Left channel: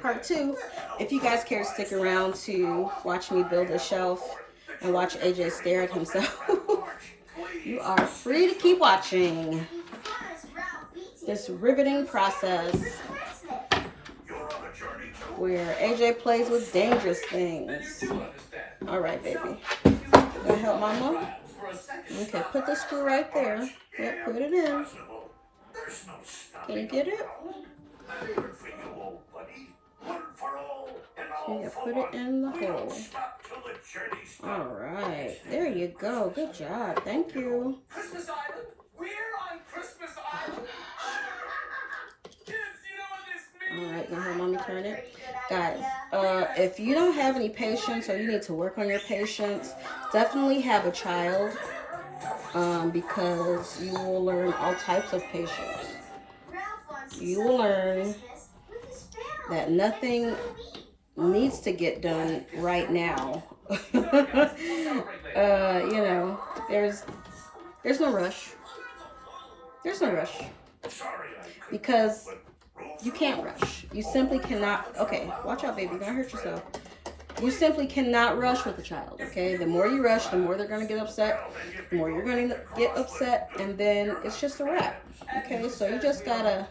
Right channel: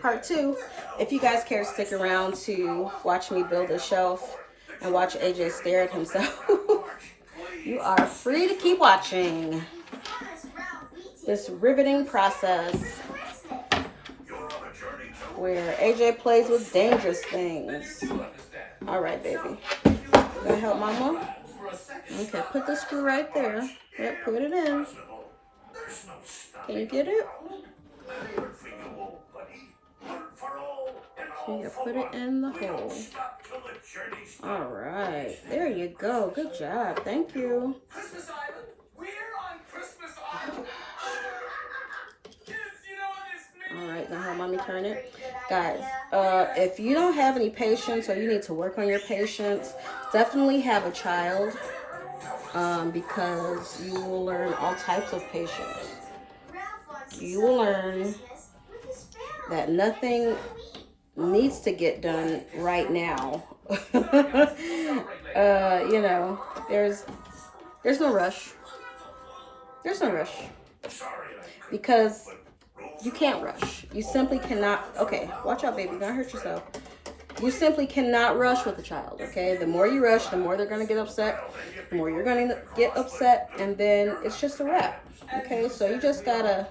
part 2. If you guys care to stick around to watch me build a shelf and watch AJ stare at himself, you are free to keep watching this riveting process where AJ plays with dangerous things. All right, baby. Gonna help mama? Okay, put the screw right there. Yep, put it in. Can you get it? Okay, put it in the hole. All right, there you go. Good job. Thank you. Christmas Island? We're on Christmas Island. Kids, you know what this means? All right, now help mommy turn it. Guys, if you don't have any patience or you need to work on your patience, definitely have a child because you will learn all types of patience. You will learn that nothing needs to get done right now. You know, there's no rush. There's no rush. Because you can't rush. You simply cannot. Okay, watch out, baby. You're gonna hurt yourself. You simply cannot rush with a child, okay? The more you rush, the more they're gonna get upset. The more you're gonna get upset, and then it's just a wrap, okay? So you just gotta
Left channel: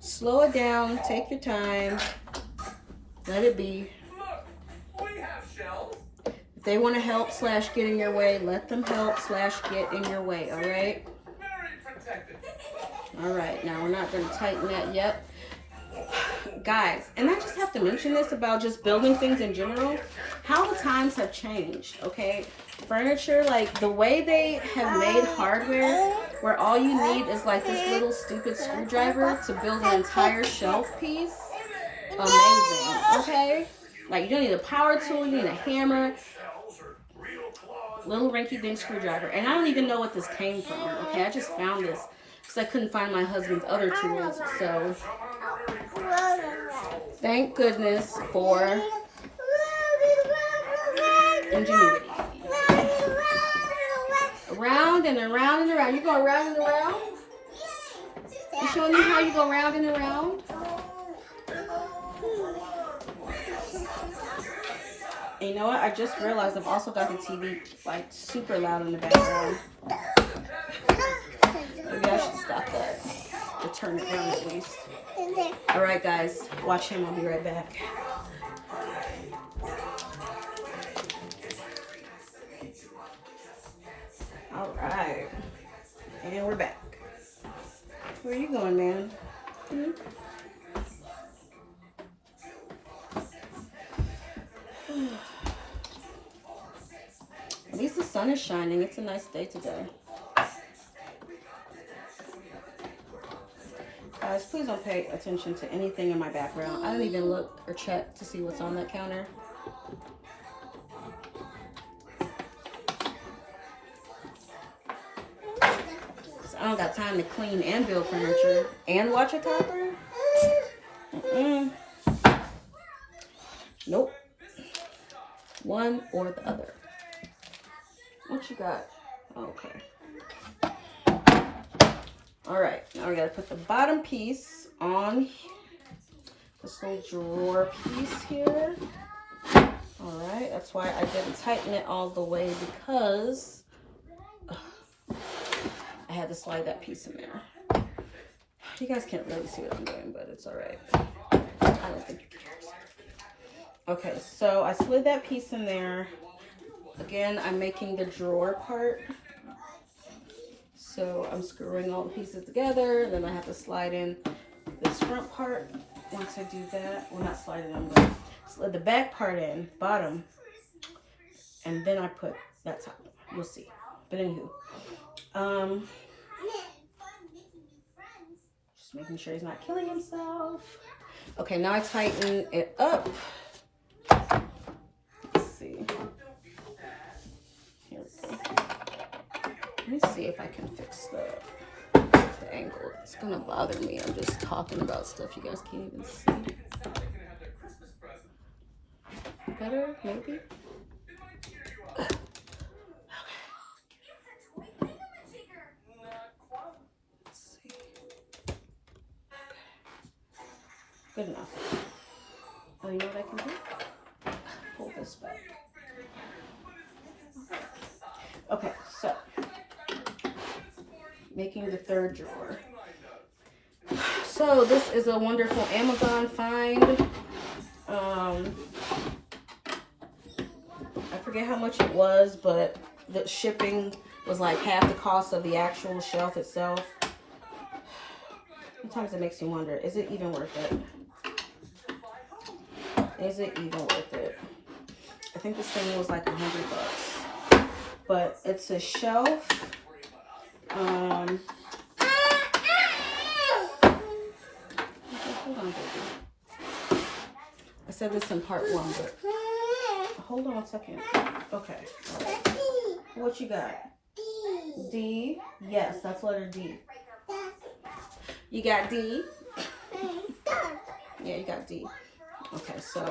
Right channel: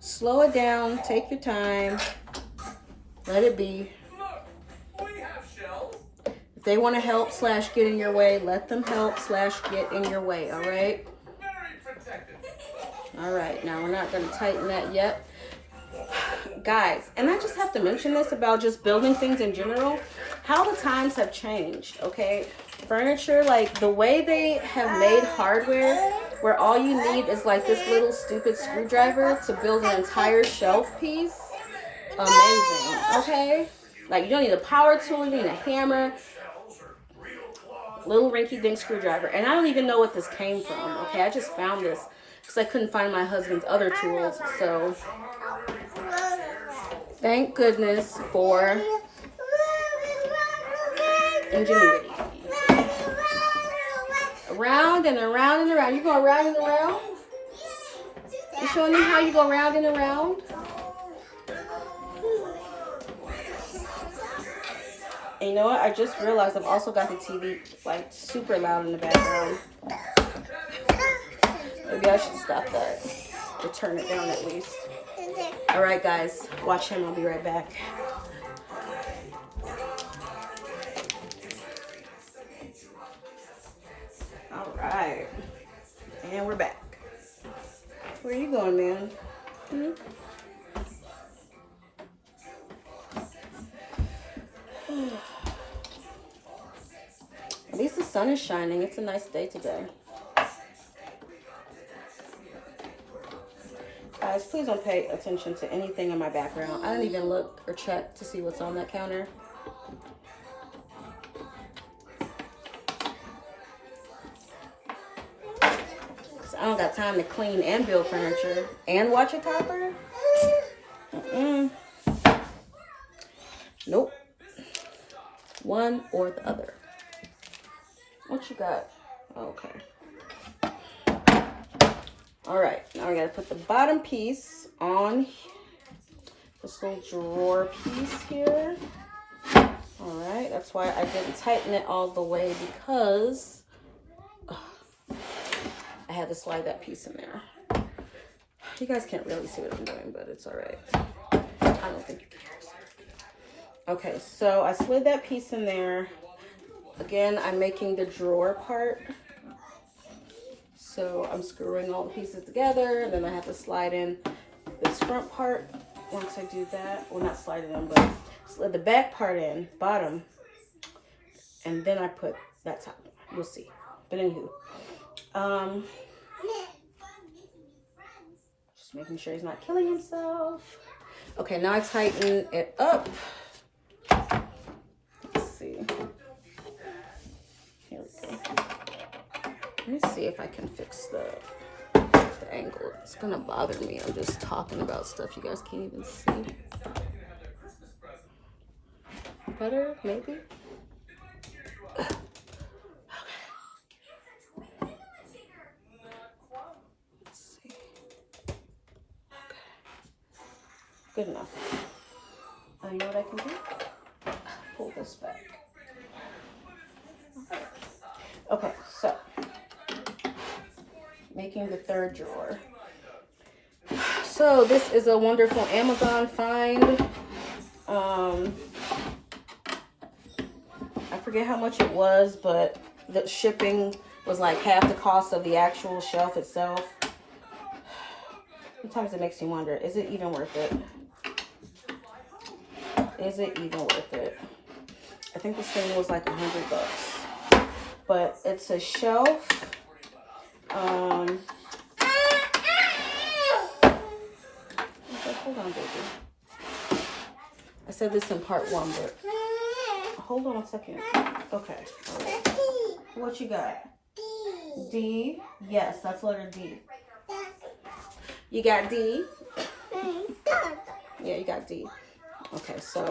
slow it down, take your time, let it be. If they want to help / get in your way, let them help / get in your way, all right? All right, now we're not going to tighten that yet. Guys, and I just have to mention this about just building things in general, how the times have changed, okay? Furniture, like the way they have made hardware, where all you need is like this little stupid screwdriver to build an entire shelf piece. Amazing, okay? Like you don't need a power tool, you need a hammer, little rinky-dink screwdriver. And I don't even know what this came from, okay? I just found this because I couldn't find my husband's other tools, so thank goodness for ingenuity. Around and around and around. You go around and around? You showing me how you go around and around? And you know what? I just realized I've also got the TV like super loud in the background. Maybe I should stop that or turn it down at least. All right, guys, watch him. I'll be right back. All right, and we're back. Where are you going, man? At least the sun is shining. It's a nice day today. Guys, please don't pay attention to anything in my background. I don't even look or check to see what's on that counter. I don't got time to clean and build furniture and watch a toddler. Nope. One or the other. What you got? Okay. All right. Now we got to put the bottom piece on this little drawer piece here. All right. That's why I didn't tighten it all the way because I had to slide that piece in there. You guys can't really see what I'm doing, but it's all right. I don't think you care. Okay, so I slid that piece in there. Again, I'm making the drawer part. So I'm screwing all the pieces together, and then I have to slide in this front part. Once I do that, well, not slide it in, but slid the back part in, bottom, and then I put that top. You'll see. But anywho, just making sure he's not killing himself. Okay, now I tighten it up. Let's see. Here we go. Let me see if I can fix the angle. It's gonna bother me. I'm just talking about stuff you guys can't even see. Better, maybe? Good enough. Oh, you know what I can do? Pull this back. Okay, so making the third drawer. So this is a wonderful Amazon find. I forget how much it was, but the shipping was like half the cost of the actual shelf itself. Sometimes it makes me wonder, is it even worth it? Is it even worth it? I think this thing was like $100. But it's a shelf. Hold on, baby. I said this in part 1, but hold on a second. Okay. All right. What you got? D. Yes, that's letter D. You got D? Yeah, you got D. Okay, so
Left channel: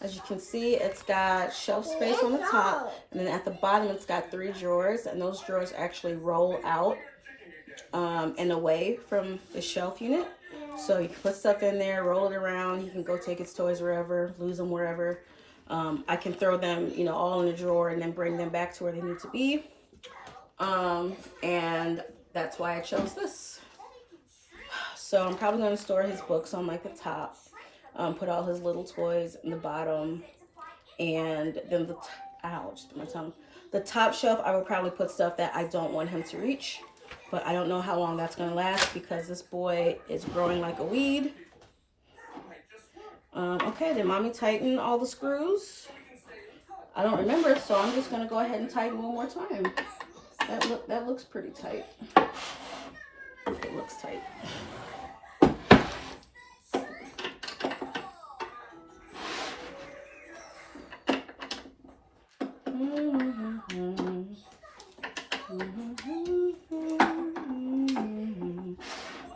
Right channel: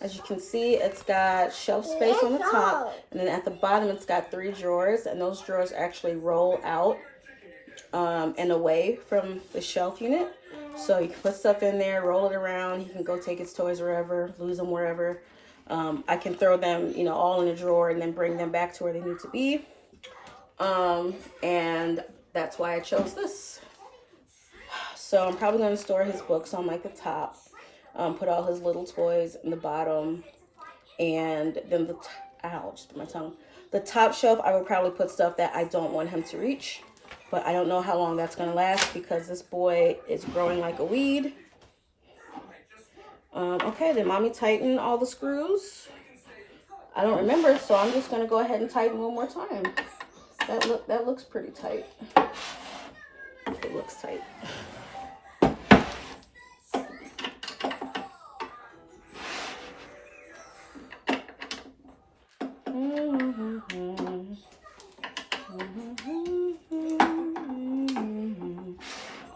as you can see, it's got shelf space on the top, and then at the bottom it's got 3 drawers, and those drawers actually roll out and away from the shelf unit. So you can put stuff in there, roll it around. You can go take its toys wherever, lose them wherever. I can throw them, you know, all in a drawer and then bring them back to where they need to be. And that's why I chose this. So I'm probably going to store his books on like the top, put all his little toys in the bottom, and then the top shelf I will probably put stuff that I don't want him to reach, but I don't know how long that's going to last because this boy is growing like a weed. Okay, did mommy tighten all the screws? I don't remember, so I'm just going to go ahead and tighten one more time. That looks pretty tight. It looks tight.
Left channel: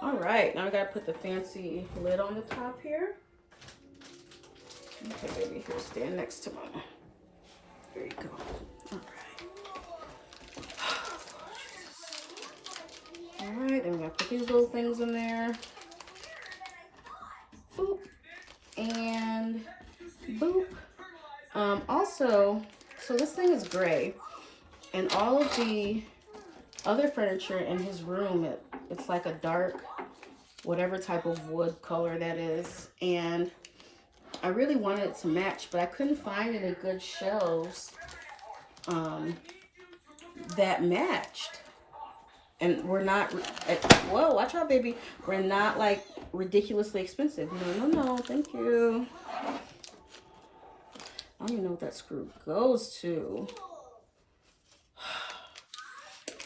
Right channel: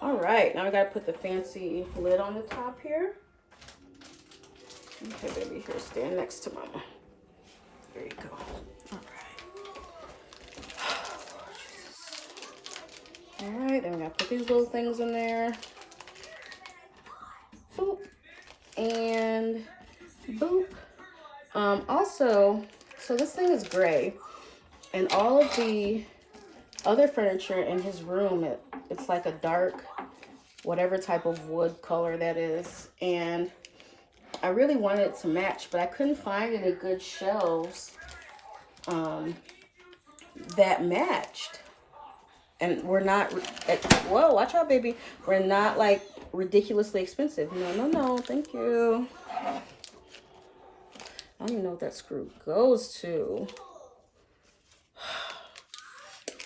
All right, now I gotta put the fancy lid on the top here. Okay, baby, here, stand next to mama. There you go. All right, and I gotta put these little things in there. Boop. And boop. Also, so this thing is gray, and all of the other furniture in his room, it's like a dark, whatever type of wood color that is. And I really wanted it to match, but I couldn't find any good shelves that matched. And we're not, whoa, watch out, baby. We're not like ridiculously expensive. No, thank you. I don't even know what that screw goes to.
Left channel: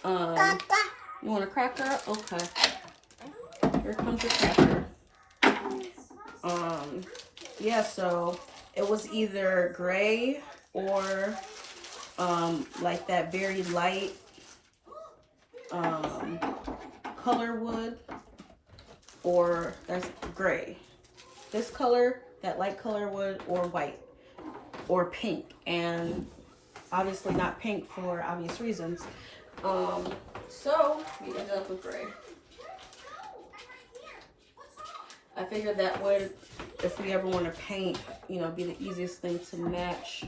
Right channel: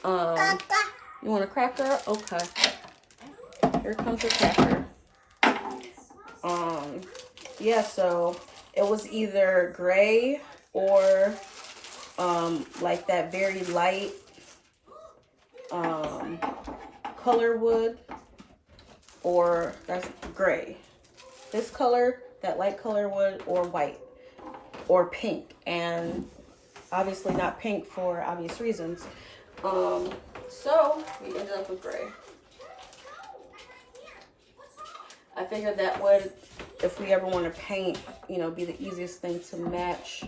You want a cracker? Okay. Here comes your cracker. Yeah, so it was either gray or like that very light color wood, or that's gray. This color, that light color wood, or white, or pink, and obviously not pink for obvious reasons. So we ended up with gray. I figured that would, if we ever want to paint, you know, be the easiest thing to match.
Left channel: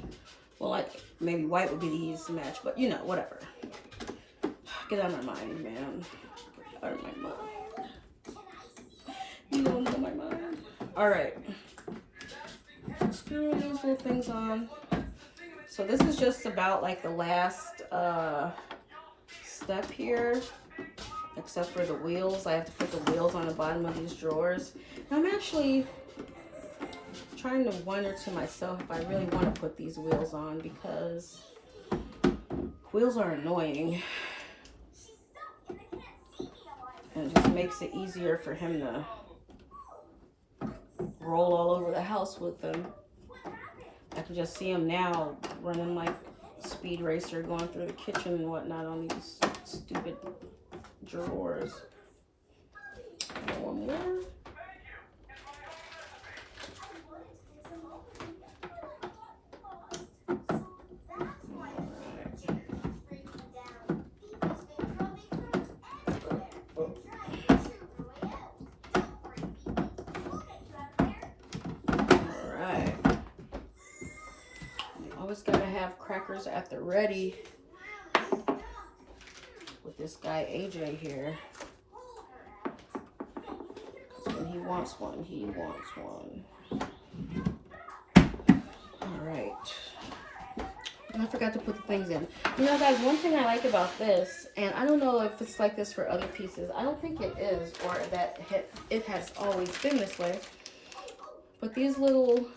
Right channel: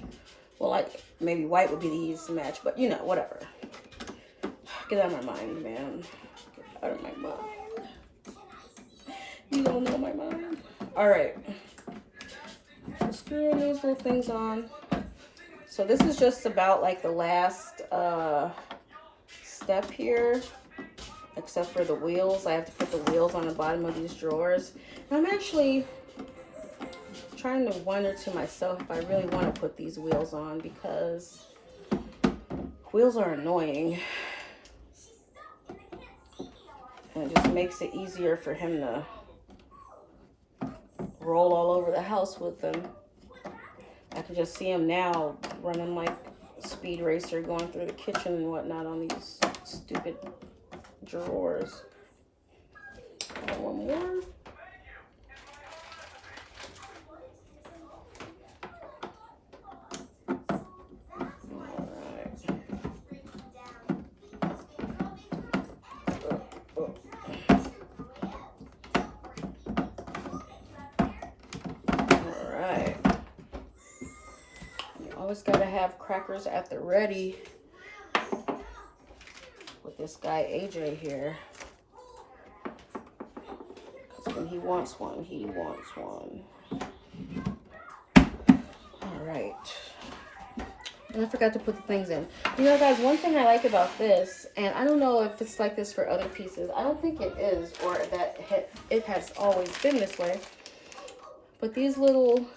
Well, like maybe white would be the easiest to match, but you know, whatever. Get out of my mind, man. Get out of my mind. You don't know my mind. All right. So screwing these little things on. So this is just about like the last step here, except for the wheels. I have to put the wheels on the bottom of these drawers. And I'm actually trying to wonder to myself if I really want to put these wheels on, because wheels are annoying. And it just makes it easier for him to roll all over the house with them. I can just see him now running like a speed racer, going through the kitchen and whatnot on these stupid drawers. One more. always gotta have crackers at the ready with this guy AJ here. Because when he wants one, he wants one. Alright. I forgot to put the things in. You know, guys, one thing I like about this, and I don't know if it's like this for other pieces. I don't think it is, or that it has always been this way. But these little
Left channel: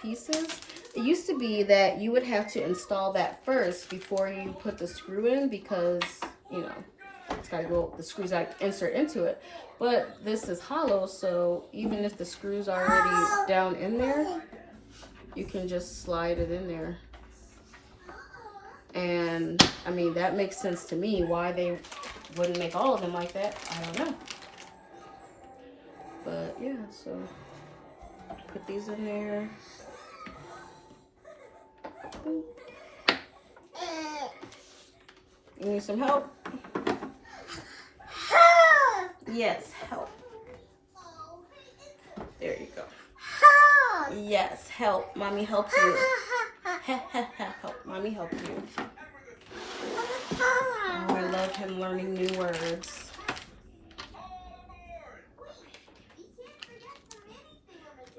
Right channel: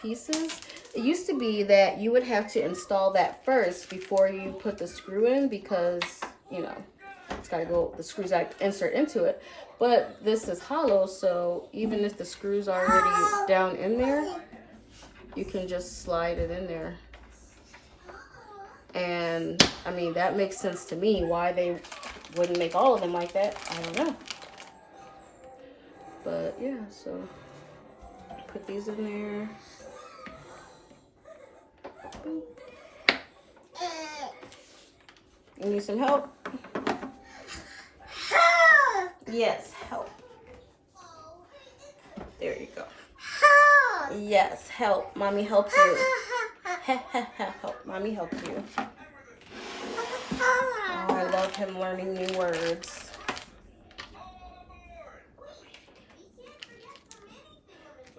pieces, it used to be that you would have to install that first before you put the screw in, because, you know, it's got to go, the screws got insert into it. But this is hollow, so even if the screw's already down in there, you can just slide it in there. And I mean, that makes sense to me. Why they wouldn't make all of them like that, I don't know. But yeah, so put these in there. You need some help? Yes, help. There you go. Yes, help. Mommy help you. Help. Mommy help you. Oh, I love him learning new words.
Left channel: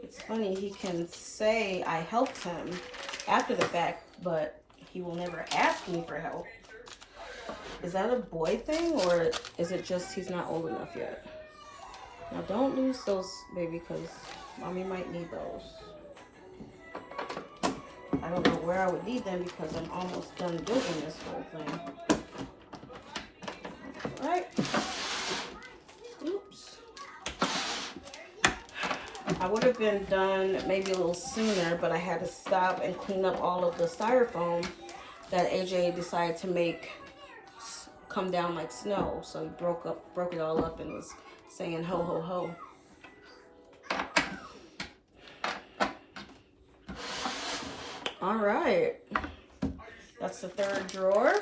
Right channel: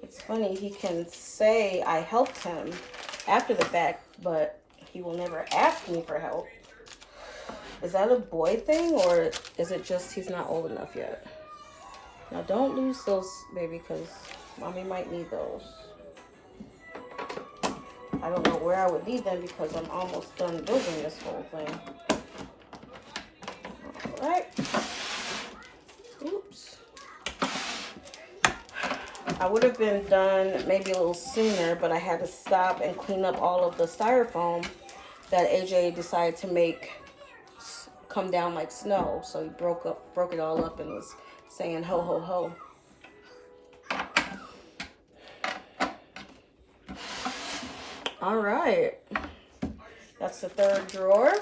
It's funny, he can say I helped him after the fact, but he will never ask me for help. Is that a boy thing, or is it just he's not old enough yet? Now don't lose those, baby, because mommy might need those. I don't know where I would leave them because I'm almost done building this whole thing. Alright. Oops. I would have been done maybe a little sooner, but I had to stop and clean up all of the styrofoam that AJ decided to make come down like snow. So he broke it all up and was saying ho ho ho. All right, that's the third drawer.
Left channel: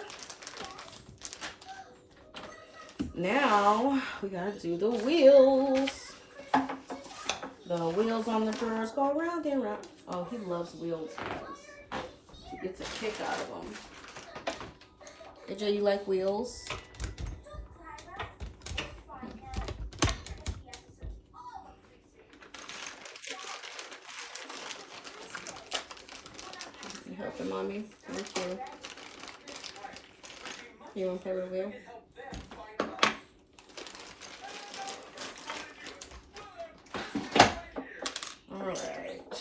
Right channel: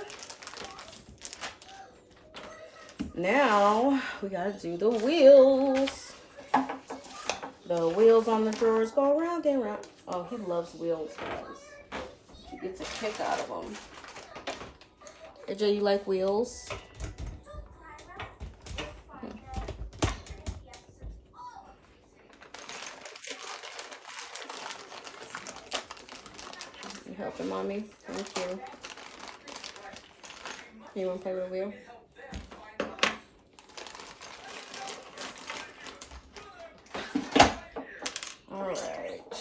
Now we gotta do the wheels. The wheels on the drawers go round and round. Oh, he loves wheels, guys. He gets a kick out of them. AJ, you like wheels? You helping mommy? Thank you. You want to play with a wheel? Alright.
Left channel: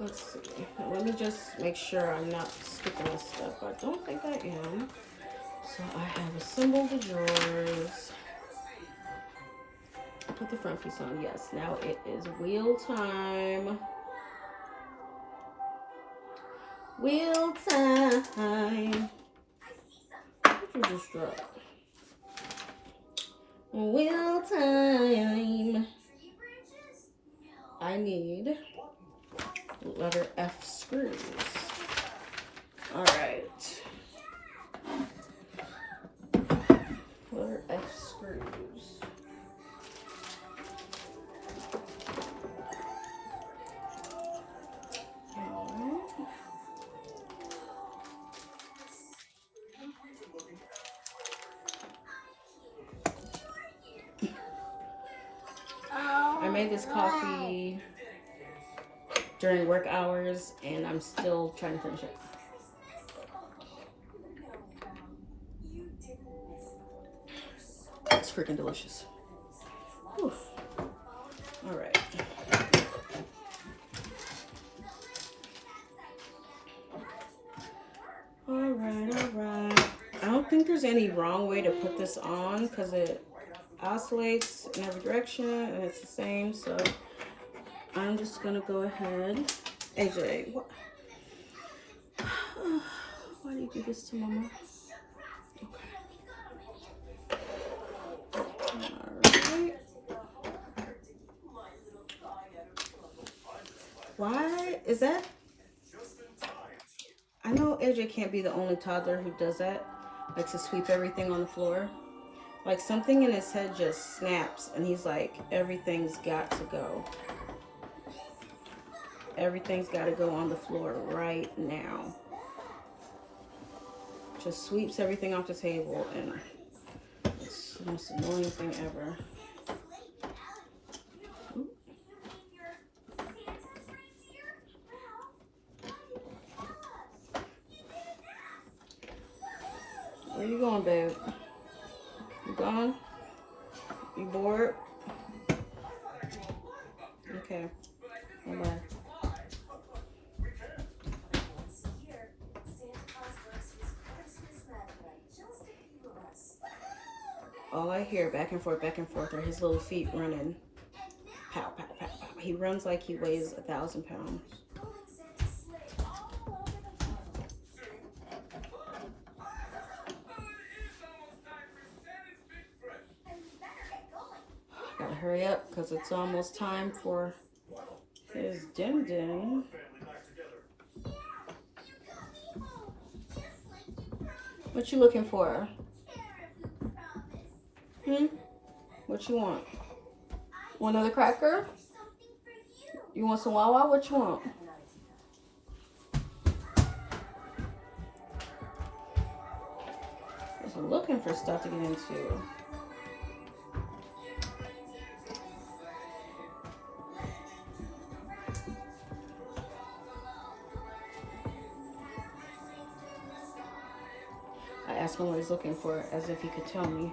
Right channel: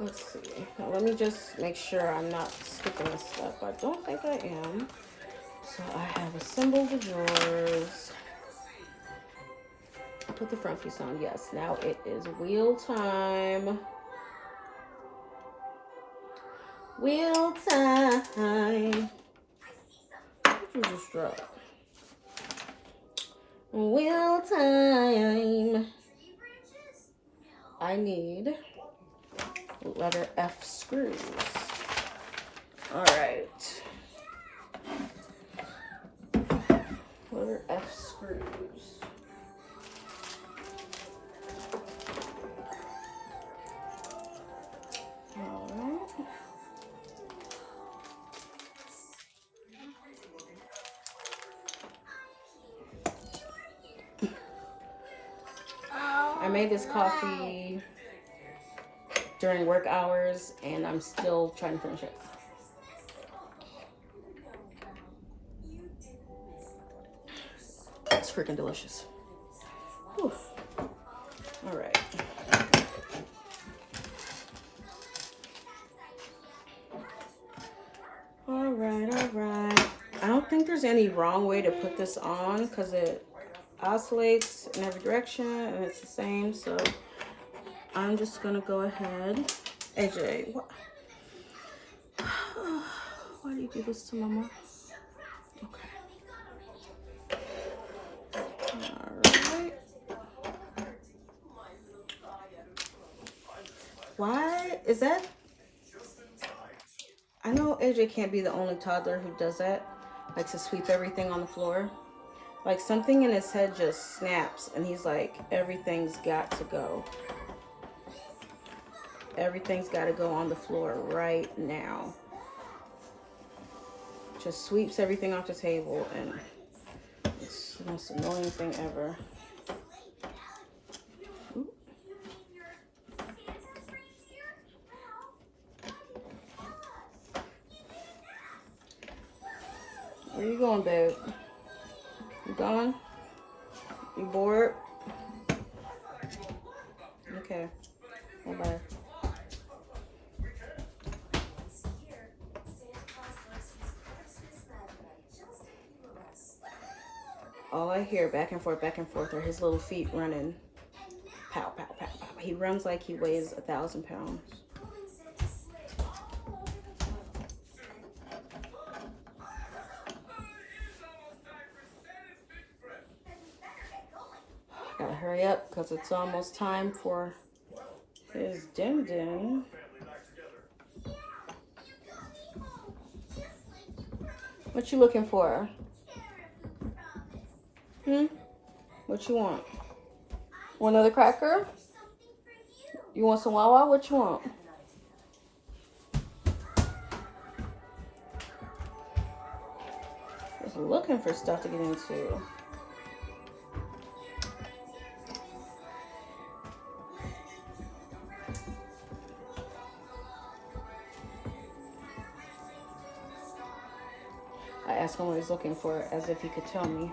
Let's see. Let me just make sure I'm not skipping this stuff. I don't think I am. So I have assembled the drawers. Put the front piece on. Yes, now it is wheel time. Wheel time. What did you just drop? Wheel time. I need letter F screws. All right. Letter F screws. I made this coffee during work hours, and I'm still trying to finish it. It's freaking delicious. Whew. All right. All right. I don't think there's any wrong way to put this on because it oscillates in every direction and it's the same. So I'm just gonna go ahead. AJ, what? Why do you do this to mama? Okay. Alright. Why is that? I know AJ can't be the only toddler who does that. Likes to sweep everything on the floor. Like something in his head just snaps and he's like, everything's got to go. everything's got to go on the floor right now. Just sweeps everything off the table, and it's the most annoying thing ever. Oop. Where you going, babe? You going? You bored? Okay. Bye-bye. All I hear back and forth are his little feet running. Pow, pow, pow, pow. He runs like he weighs 1,000 pounds. Gotta hurry up because it's almost time for his din. What you looking for? What you want? Want another cracker? You want some Wawa? What you want? Just looking for stuff to get into. I asked him what he's looking for as if he could tell me.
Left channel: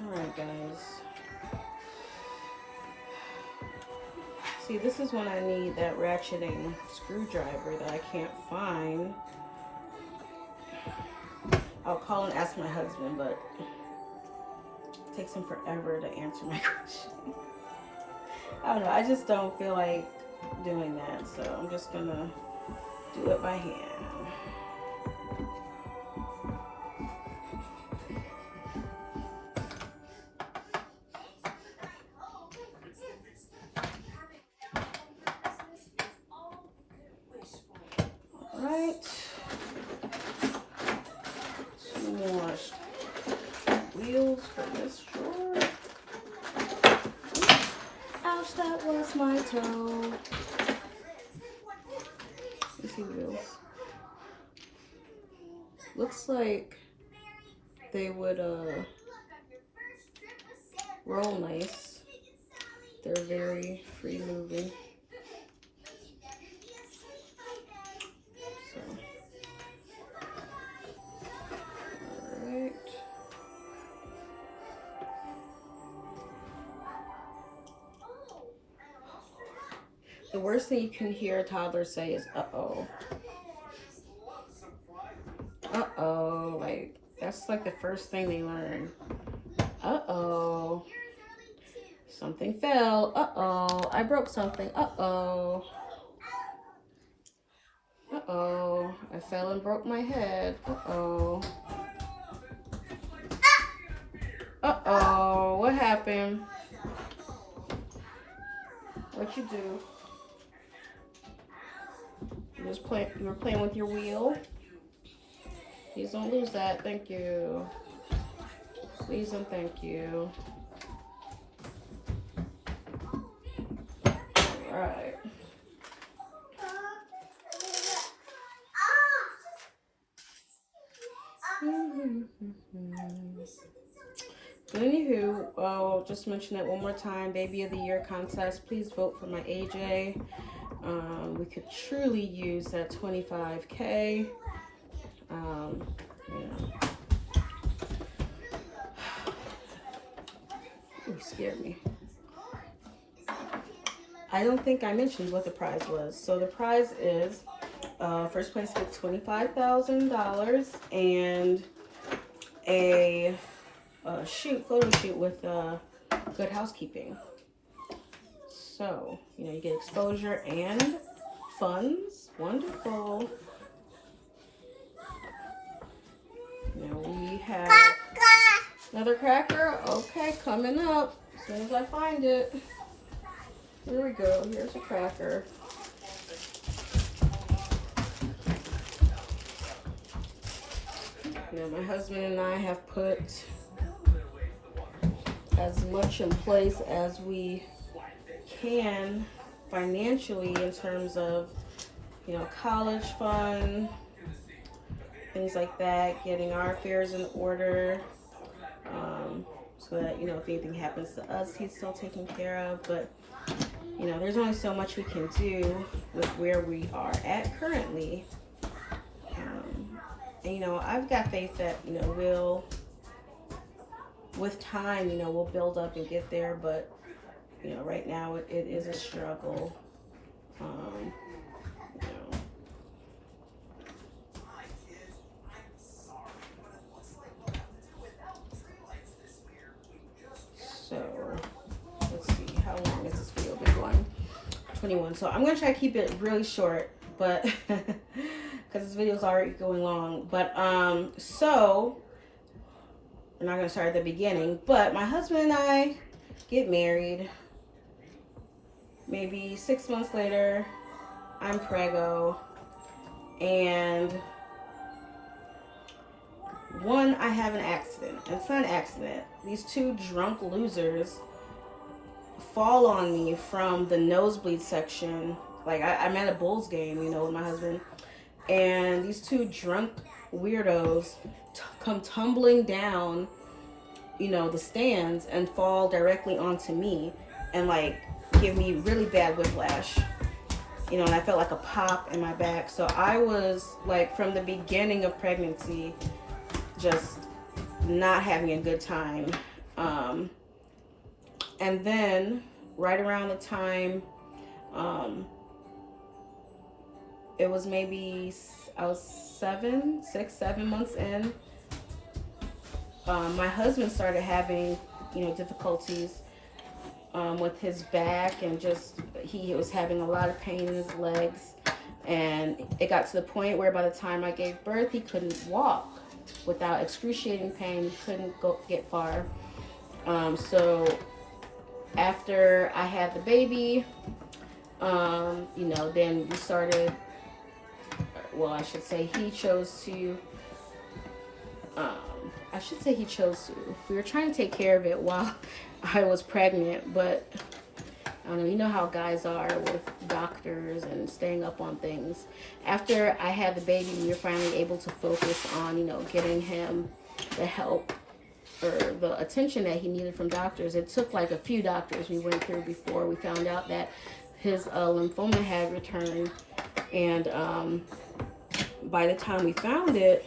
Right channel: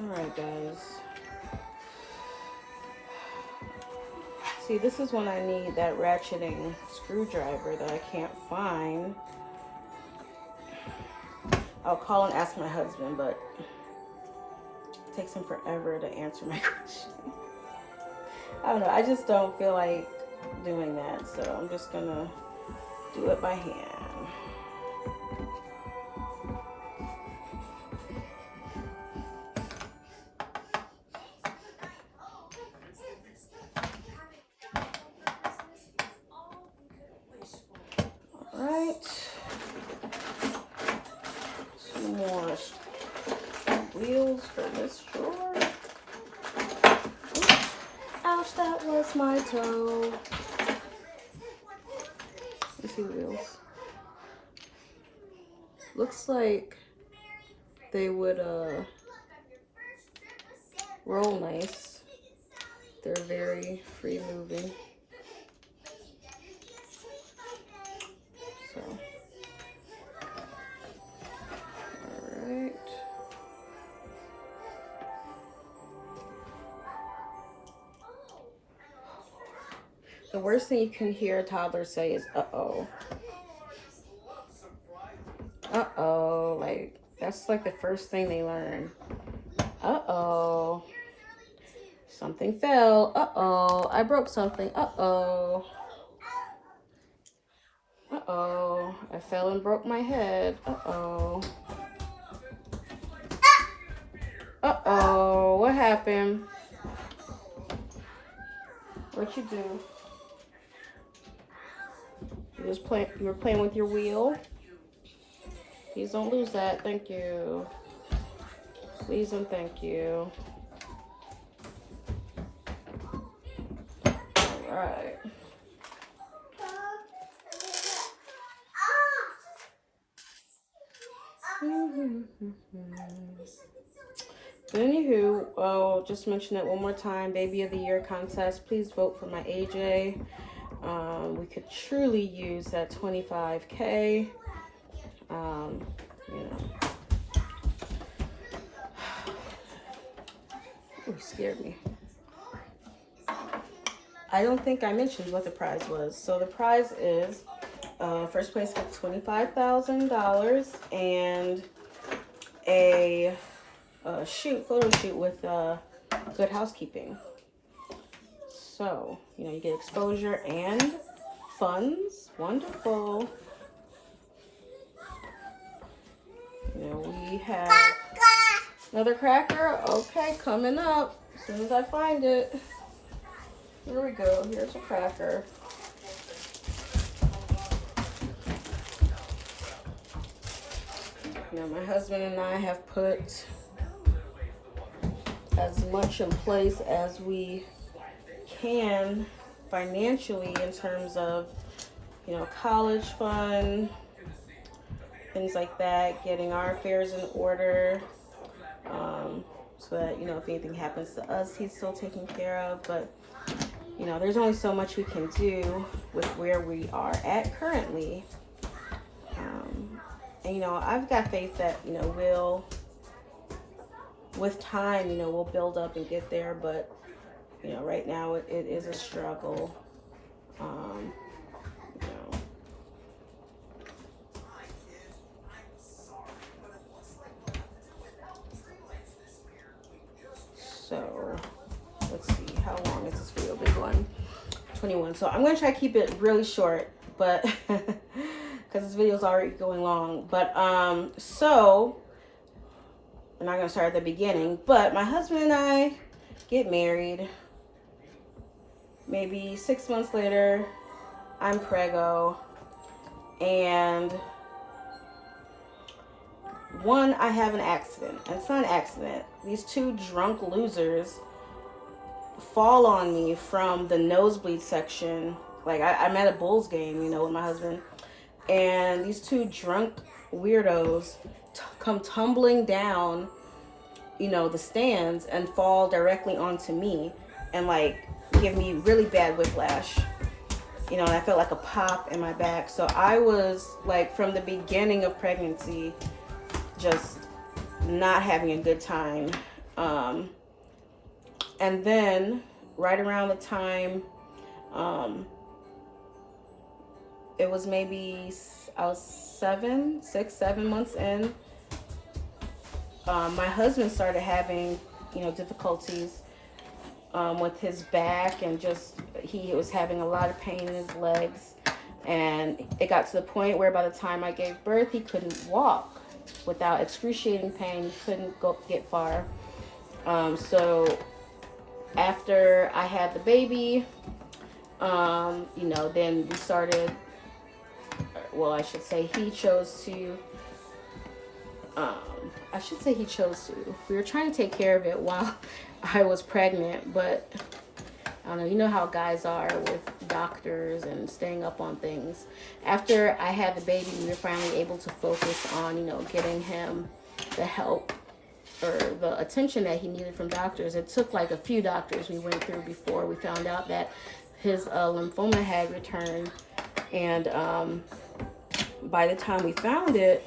Alright, guys. See, this is when I need that ratcheting screwdriver that I can't find. I'll call and ask my husband, but it takes him forever to answer my question. I don't know. I just don't feel like doing that, so I'm just gonna do it by hand. Alright. Some more wheels for this drawer. Oops. Ouch, that was my toe. You see wheels? Looks like they would roll nice. They're very free moving. So, alright. The worst thing you can hear a toddler say is uh-oh. Uh-oh. Like, that's like the first thing they learn. Uh-oh. Something fell. Uh-oh. I broke something. Uh-oh. Uh-oh. I fell and broke my head. Uh-oh. Uh-oh. What happened? What'd you do? You were playing with your wheel? Please don't lose that. Thank you. Please and thank you. Alright. But anywho, I'll just mention it one more time. Baby of the Year contest. Please vote for my AJ. We could truly use that 25K. You know. Ooh, scared me. I don't think I mentioned what the prize was. So the prize is first place gets $25,000 and a photo shoot with Good Housekeeping. So, you know, you get exposure and funds. Wonderful. You know, we have another cracker. Okay, coming up as soon as I find it. Here we go. Here's a cracker. Now, my husband and I have put as much in place as we can financially in terms of, you know, college fund, things like that, getting our affairs in order, so that, you know, if anything happens to us, he's still taken care of. But, you know, there's only so much we can do with where we are at currently. And, you know, I've got faith that, you know, with time, you know, we'll build up and get there. But, you know, right now it is a struggle. You know. So, let's see, how long is this video been going? 21. So I'm going to try to keep it really short, but because this video is already going long. But, so, I'm not going to start at the beginning, but my husband and I get married. Maybe 6 months later, I'm preggo, and I have an accident. It's not an accident. These two drunk losers fall on me from the nosebleed section. Like, I'm at a Bulls game, you know, with my husband, and these two drunk weirdos come tumbling down, you know, the stands and fall directly onto me and, like, give me really bad whiplash. You know, and I felt like a pop in my back. So I was, like, from the beginning of pregnancy, just not having a good time. And then right around the time, it was maybe, I was 7 months in, my husband started having, you know, difficulties with his back, and just he was having a lot of pain in his legs, and it got to the point where by the time I gave birth, he couldn't walk without excruciating pain. He couldn't get far. So after I had the baby, you know, then we started, well, I should say he chose to, we were trying to take care of it while I was pregnant, but I don't know, you know how guys are with doctors and staying up on things. After I had the baby, we were finally able to focus on, you know, getting him the help or the attention that he needed from doctors. It took like a few doctors we went through before we found out that his lymphoma had returned, and by the time we found it,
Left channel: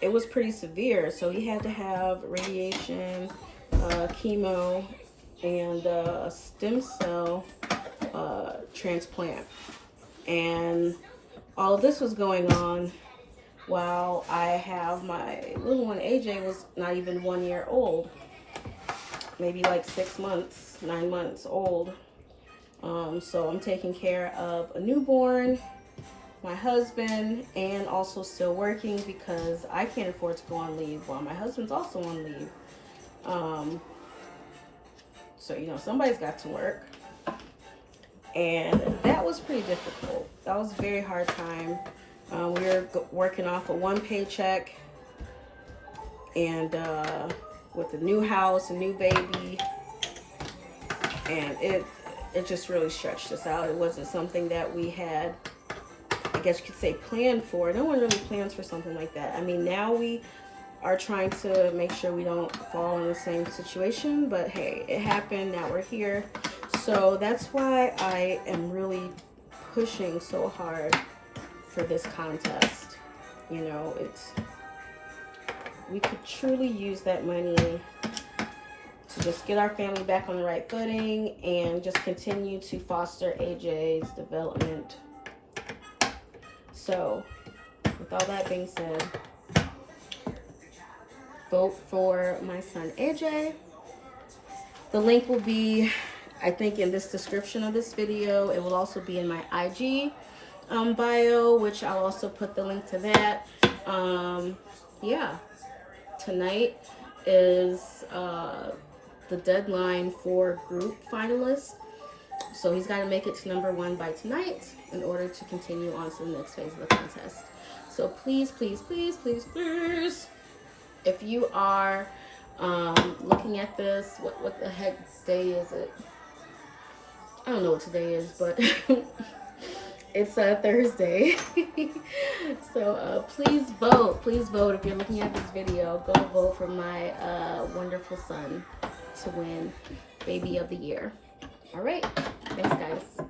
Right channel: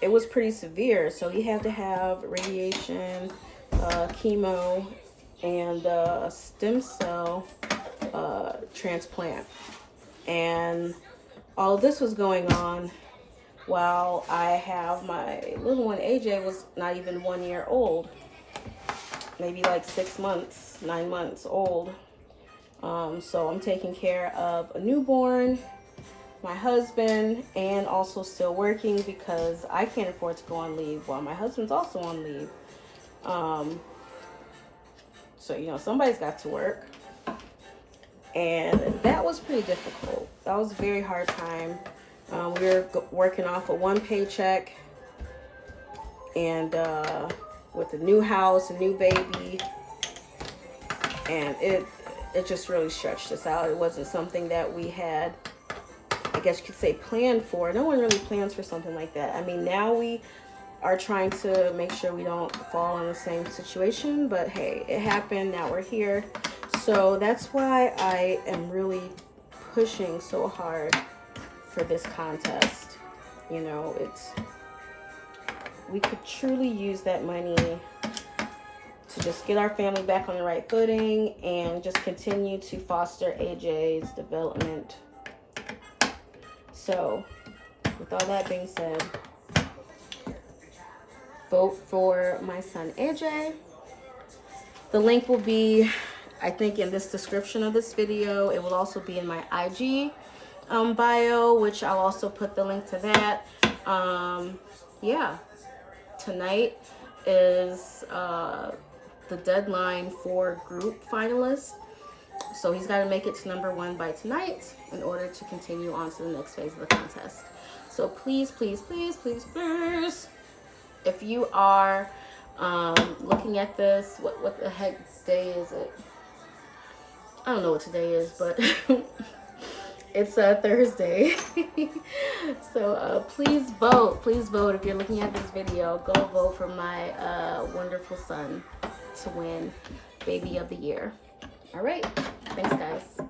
it was pretty severe. So he had to have radiation, chemo, and a stem cell transplant. And all of this was going on while I have my little one. AJ was not even 1 year old, maybe like 6 months, 9 months old. So I'm taking care of a newborn, my husband, and also still working because I can't afford to go on leave while my husband's also on leave. So, you know, somebody's got to work. And that was pretty difficult. That was a very hard time. We were working off of one paycheck, and with a new house, a new baby, and it just really stretched us out. It wasn't something that we had, I guess you could say, planned for. No one really plans for something like that. I mean, now we are trying to make sure we don't fall in the same situation, but hey, it happened. Now we're here. So that's why I am really pushing so hard for this contest. You know, we could truly use that money to just get our family back on the right footing and just continue to foster AJ's development. So, with all that being said, vote for my son AJ. The link will be, I think, in this description of this video. It will also be in my IG bio, which I'll also put the link to that. Yeah, tonight is the deadline for group finalists. So he's got to make it to number 1 by tonight in order to continue on to the next phase of the contest. So please, please, please, please, please, if you are looking at this, what the heck day is it? I don't know what today is, but it's a Thursday. So please vote. Please vote if you're looking at this video. Go vote for my wonderful son to win Baby of the Year. All right. Thanks, guys.